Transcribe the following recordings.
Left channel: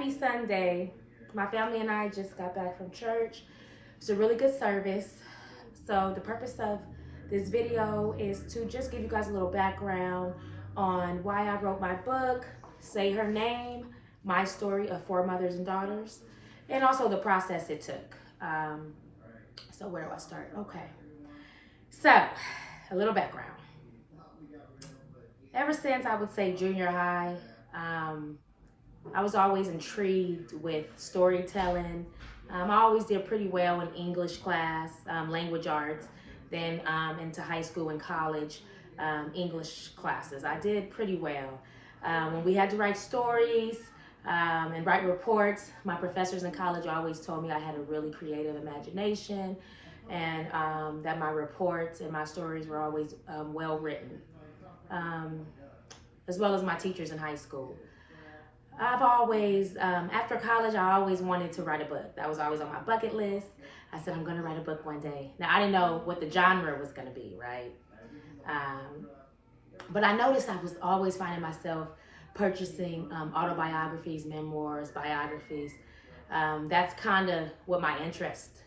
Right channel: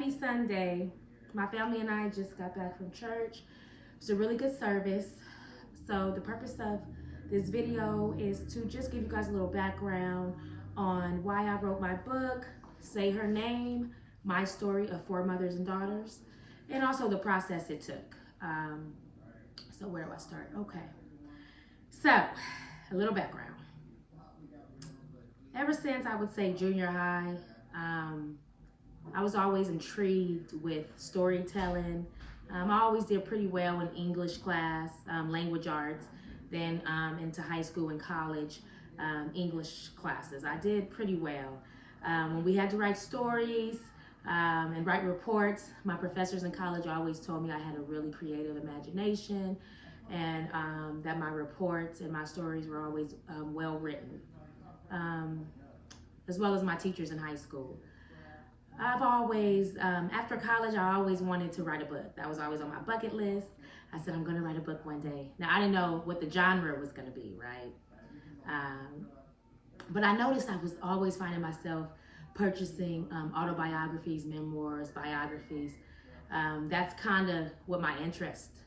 Happy Sunday. My family and I just got back from church. It's a really good service. So the purpose of this video is to just give you guys a little background on why I wrote my book, Say Her Name, my story of four mothers and daughters, and also the process it took. So where do I start? Okay. So, a little background. Ever since I would say junior high, I was always intrigued with storytelling. I always did pretty well in English class, language arts, then into high school and college, English classes. I did pretty well. When we had to write stories and write reports, my professors in college always told me I had a really creative imagination and that my reports and my stories were always well written, as well as my teachers in high school. I've always, after college, I always wanted to write a book. That was always on my bucket list. I said, I'm going to write a book one day. Now, I didn't know what the genre was going to be, right? But I noticed I was always finding myself purchasing autobiographies, memoirs, biographies. That's kind of what my interest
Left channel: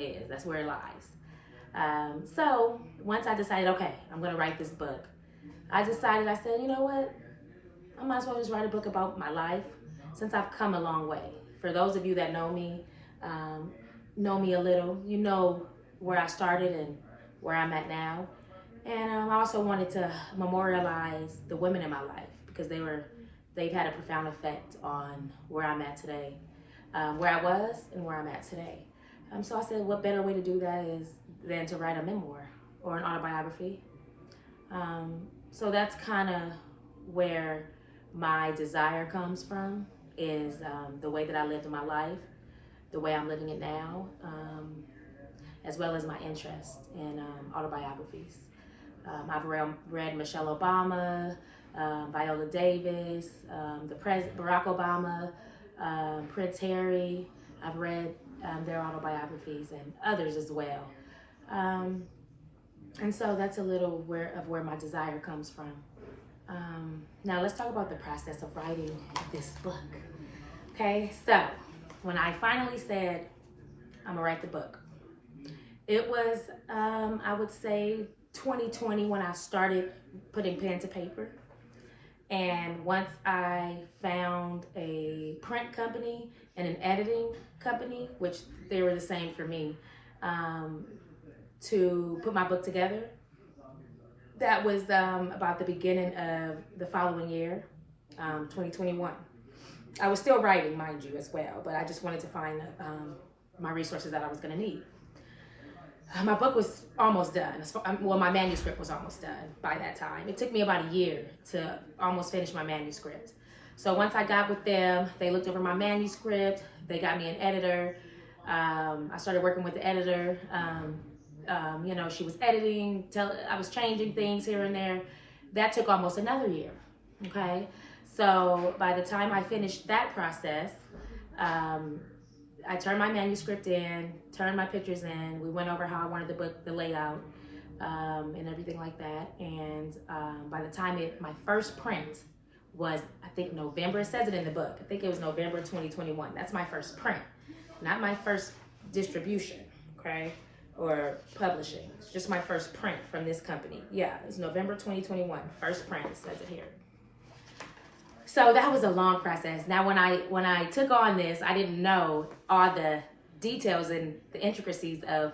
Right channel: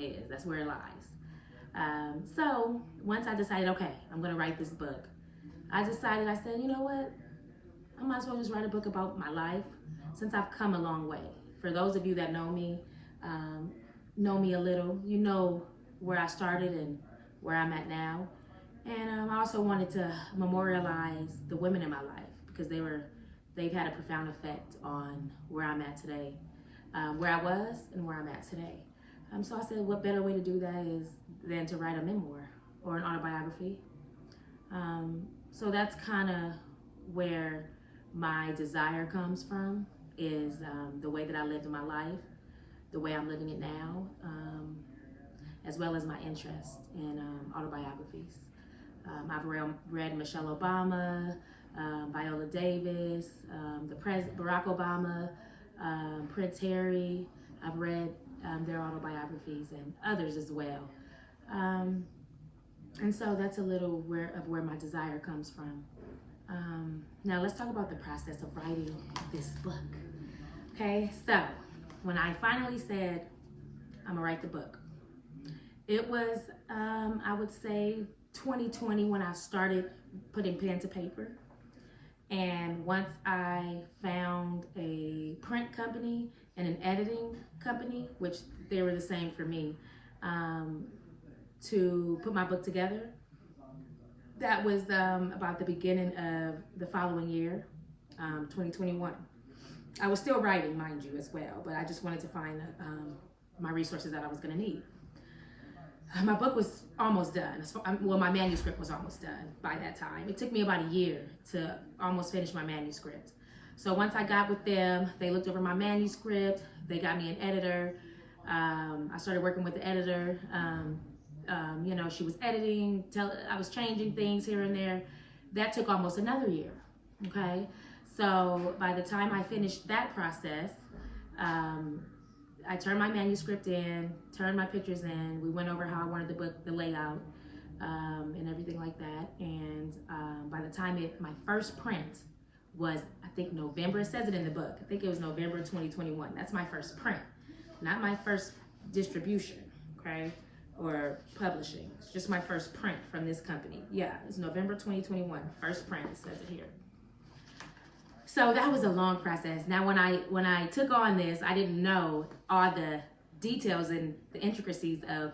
is. That's where it lies. So once I decided, okay, I'm going to write this book, I said, you know what? I might as well just write a book about my life since I've come a long way. For those of you that know me a little, you know where I started and where I'm at now. And I also wanted to memorialize the women in my life because they've had a profound effect on where I'm at today, where I was and where I'm at today. So I said, what better way to do that is than to write a memoir or an autobiography. So that's kind of where my desire comes from, is the way that I lived in my life, the way I'm living it now, as well as my interest in autobiographies. I've read Michelle Obama, Viola Davis, Barack Obama, Prince Harry. I've read their autobiographies and others as well. And so that's a little of where my desire comes from. Now let's talk about the process of writing this book. Okay, so when I finally said I'm gonna write the book, it was I would say 2020 when I started putting pen to paper. And once I found a print company and an editing company, which they were the same for me, to put my book together, that was about the beginning of the following year, 2021. I was still writing, mind you, as well, but I just wanted to find my resources that I was going to need. My book was almost done. Well, my manuscript was almost done by that time. It took me about a year to almost finish my manuscript. So once I got with them, they looked over my manuscript. They got me an editor. I started working with the editor. She was editing, I was changing things here and there. That took almost another year, okay? So by the time I finished that process, I turned my manuscript in, turned my pictures in. We went over how I wanted the book, the layout, and everything like that. And by the time my first print was, I think November, it says it in the book. I think it was November 2021. That's my first print, not my first distribution, okay? Or publishing. It's just my first print from this company. Yeah, it's November 2021, first print, it says it here. So that was a long process. Now when I took on this, I didn't know all the details and the intricacies of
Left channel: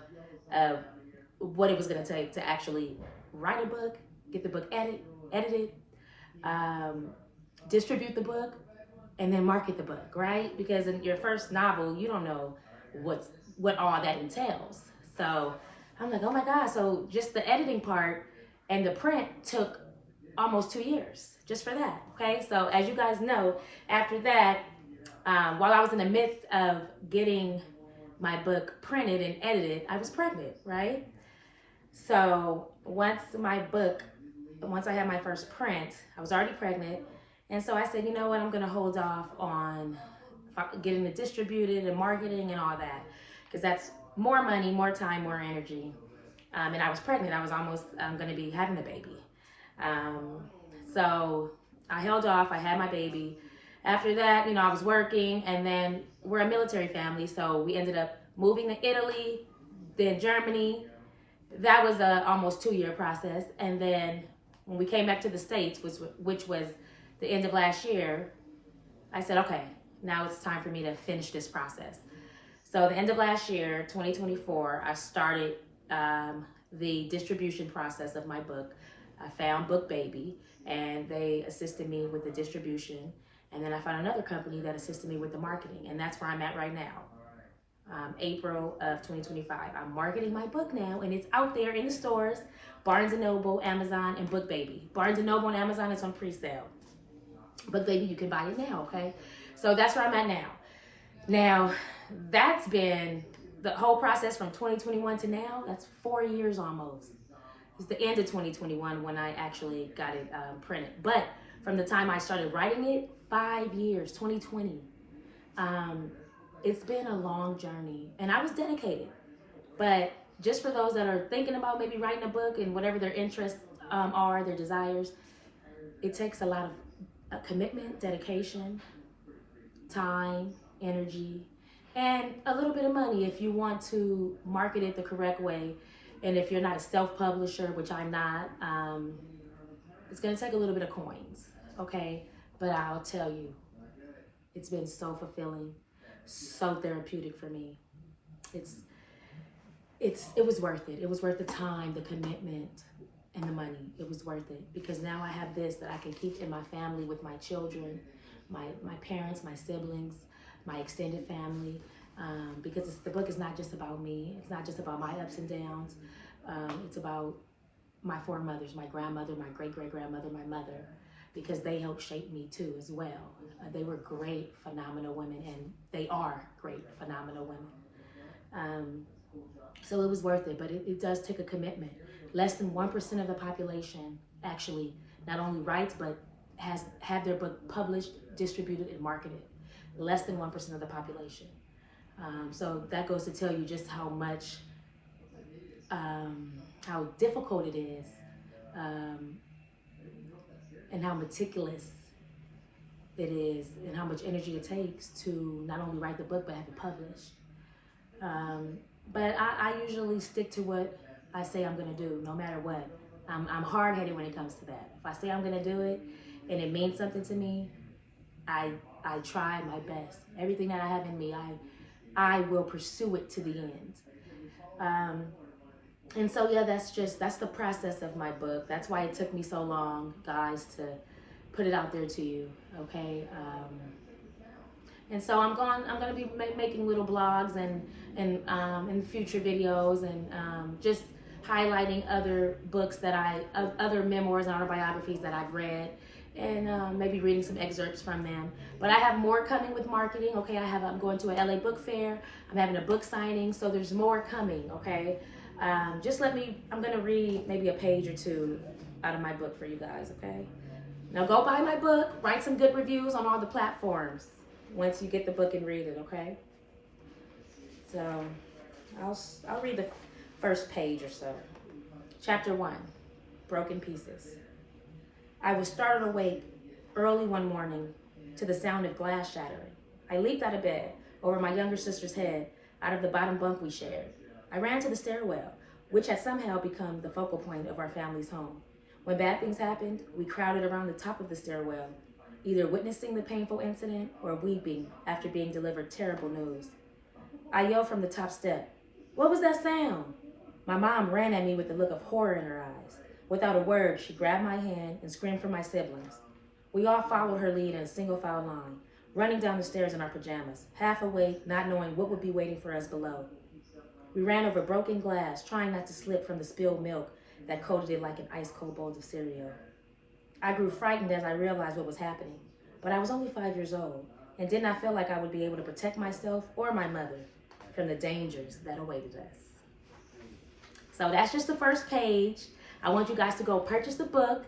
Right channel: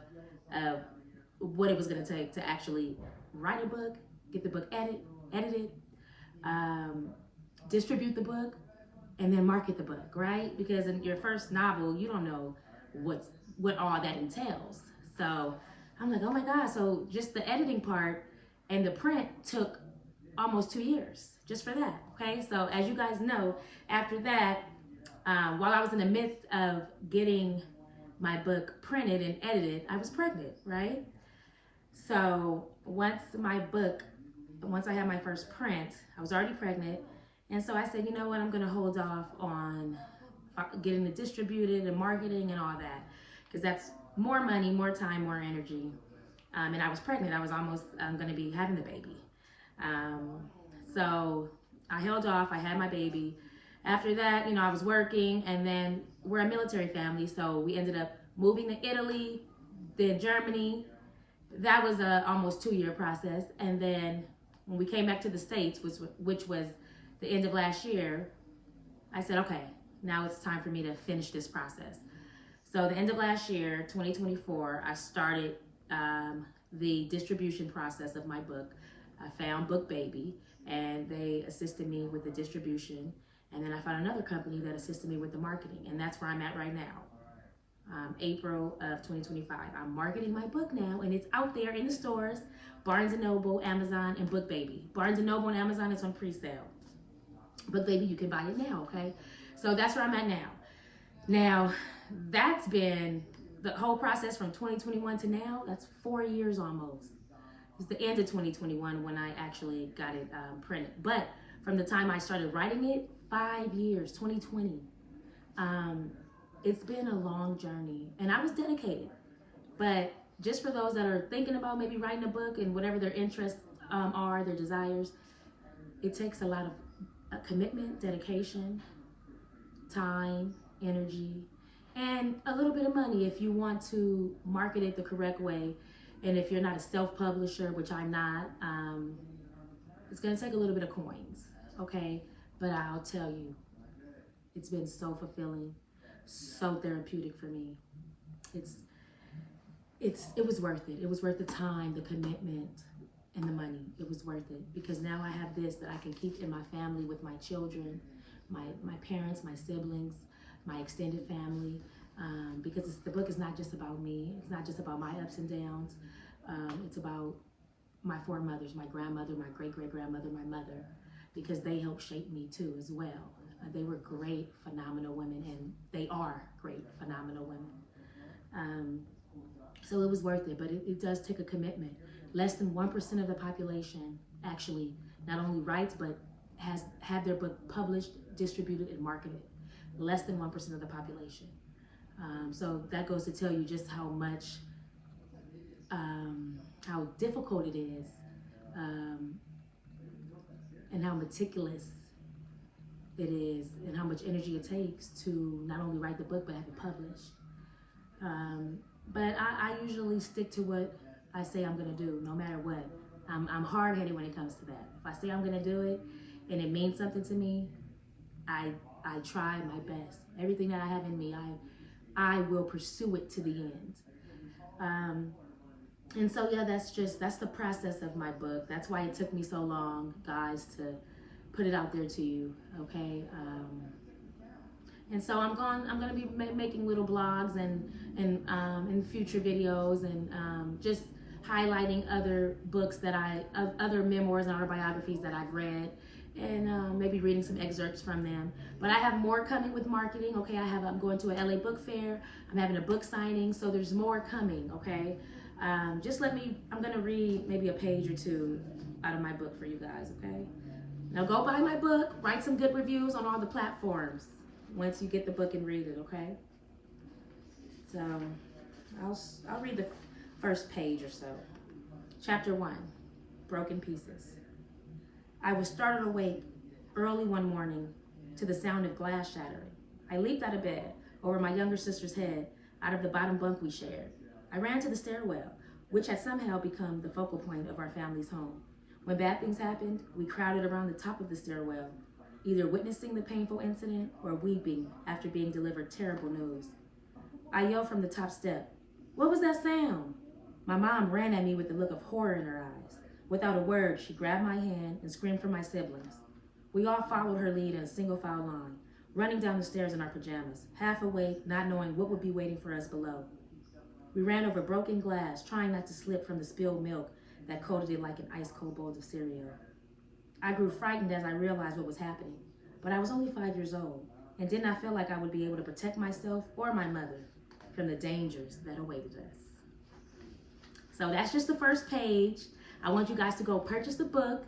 what it was gonna take to actually write a book, get the book edited, distribute the book, and then market the book, right? Because in your first novel, you don't know what all that entails. So I'm like, oh my God. So just the editing part and the print took almost 2 years just for that. Okay. So as you guys know, after that, while I was in the midst of getting my book printed and edited, I was pregnant, right? So once I had my first print, I was already pregnant. And so I said, you know what, I'm going to hold off on getting it distributed and marketing and all that, because that's more money, more time, more energy. And I was pregnant. I was almost going to be having the baby. So I held off. I had my baby. After that, I was working, and then we're a military family, so we ended up moving to Italy, then Germany. That was a almost 2-year process, and then when we came back to the States, which was the end of last year, I said, okay, now it's time for me to finish this process. So the end of last year, 2024, I started the distribution process of my book. I found Book Baby, and they assisted me with the distribution. And then I found another company that assisted me with the marketing, and that's where I'm at right now. April of 2025. I'm marketing my book now, and it's out there in the stores, Barnes & Noble, Amazon, and Book Baby. Barnes & Noble and Amazon is on pre-sale. Book Baby, you can buy it now, okay? So that's where I'm at now. Now, that's been the whole process from 2021 to now. That's 4 years almost. It's the end of 2021 when I actually got it printed. But from the time I started writing it, 5 years, 2020. It's been a long journey, and I was dedicated. But just for those that are thinking about maybe writing a book and whatever their interests are, their desires, it takes a lot of commitment, dedication, time, energy, and a little bit of money if you want to market it the correct way. And if you're not a self-publisher, which I'm not, it's going to take a little bit of coins, okay? But I'll tell you, it's been so fulfilling, so therapeutic for me. It was worth it. It was worth the time, the commitment, and the money. It was worth it because now I have this that I can keep in my family with my children, my parents, my siblings, my extended family. Because the book is not just about me. It's not just about my ups and downs. It's about my foremothers, my grandmother, my great-great-grandmother, my mother, because they helped shape me too as well. They were great, phenomenal women, and they are great, phenomenal women. So it was worth it, but it does take a commitment. Less than 1% of the population actually not only writes, but has had their book published, distributed, and marketed. Less than 1% of the population. So that goes to tell you just how much, how difficult it is, and how meticulous it is, and how much energy it takes to not only write the book, but have it published. But I usually stick to what I say I'm gonna do, no matter what. I'm hard-headed when it comes to that. If I say I'm gonna do it, and it means something to me, I try my best. Everything that I have in me, I will pursue it to the end. And so yeah, that's the process of my book. That's why it took me so long, guys, to put it out there to you, okay? And so I'm gonna be making little blogs and future videos and just highlighting other books other memoirs and autobiographies that I've read, and maybe reading some excerpts from them. But I have more coming with marketing, okay? I'm going to a LA book fair. I'm having a book signing, so there's more coming, okay? Just I'm gonna read maybe a page or two out of my book for you guys, okay? Now go buy my book, write some good reviews on all the platforms once you get the book and read it, okay? So I'll read the first page or so. Chapter 1, Broken Pieces. I was startled awake early one morning to the sound of glass shattering. I leaped out of bed, over my younger sister's head, out of the bottom bunk we shared. I ran to the stairwell, which had somehow become the focal point of our family's home. When bad things happened, we crowded around the top of the stairwell, either witnessing the painful incident or weeping after being delivered terrible news. I yelled from the top step, "What was that sound?" My mom ran at me with a look of horror in her eyes. Without a word, she grabbed my hand and screamed for my siblings. We all followed her lead in a single file line, running down the stairs in our pajamas, half awake, not knowing what would be waiting for us below. We ran over broken glass, trying not to slip from the spilled milk that coated it like an ice-cold bowl of cereal. I grew frightened as I realized what was happening, but I was only 5 years old and did not feel like I would be able to protect myself or my mother from the dangers that awaited us. So that's just the first page. I want you guys to go purchase the book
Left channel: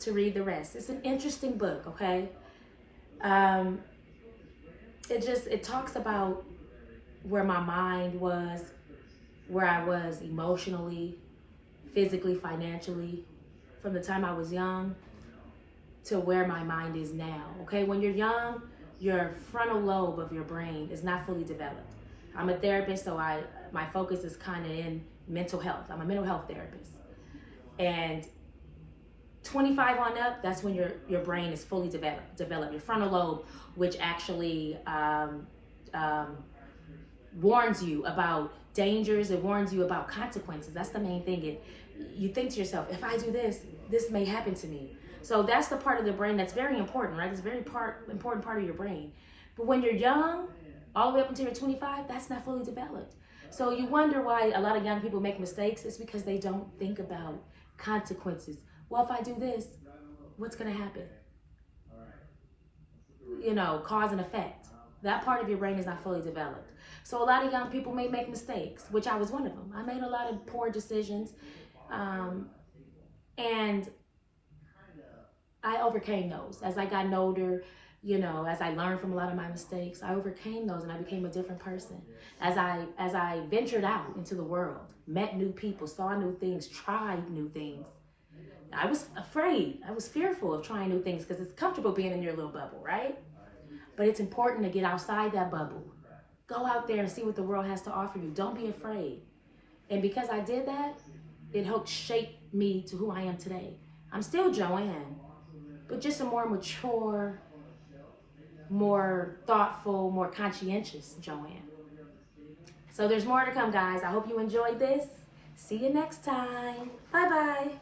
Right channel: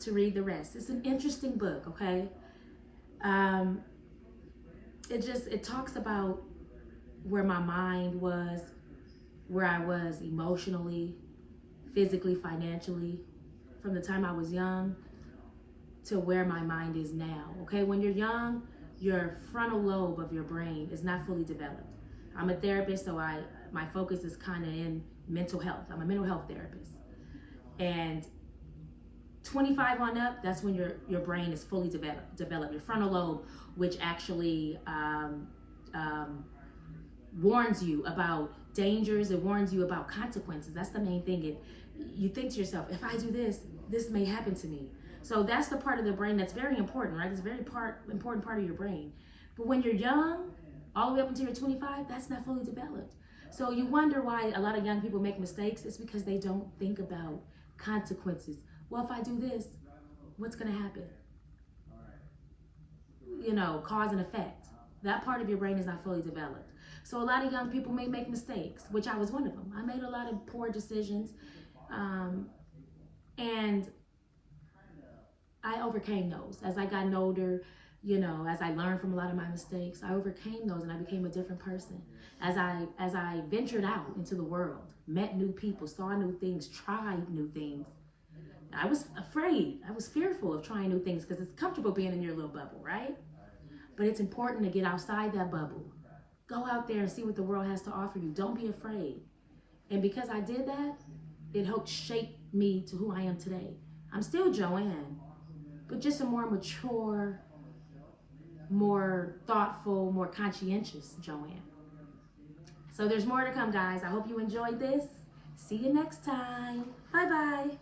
to read the rest. It's an interesting book, okay? It talks about where my mind was, where I was emotionally, physically, financially, from the time I was young to where my mind is now. Okay, when you're young, your frontal lobe of your brain is not fully developed. I'm a therapist, so my focus is kind of in mental health. I'm a mental health therapist, and 25 on up, that's when your brain is fully developed. Your frontal lobe, which actually warns you about dangers. It warns you about consequences. That's the main thing. You think to yourself, if I do this, this may happen to me. So that's the part of the brain that's very important, right? It's a very important part of your brain. But when you're young, all the way up until you're 25, that's not fully developed. So you wonder why a lot of young people make mistakes. It's because they don't think about consequences. Well, if I do this, what's going to happen? You know, cause and effect. That part of your brain is not fully developed. So a lot of young people may make mistakes, which I was one of them. I made a lot of poor decisions. And I overcame those. As I got older, you know, as I learned from a lot of my mistakes, I overcame those and I became a different person. As I ventured out into the world, met new people, saw new things, tried new things, I was afraid. I was fearful of trying new things because it's comfortable being in your little bubble, right? But it's important to get outside that bubble. Go out there and see what the world has to offer you. Don't be afraid. And because I did that, it helped shape me to who I am today. I'm still Joanne, but just a more mature, more thoughtful, more conscientious Joanne. So there's more to come, guys. I hope you enjoyed this. See you next time. Bye-bye.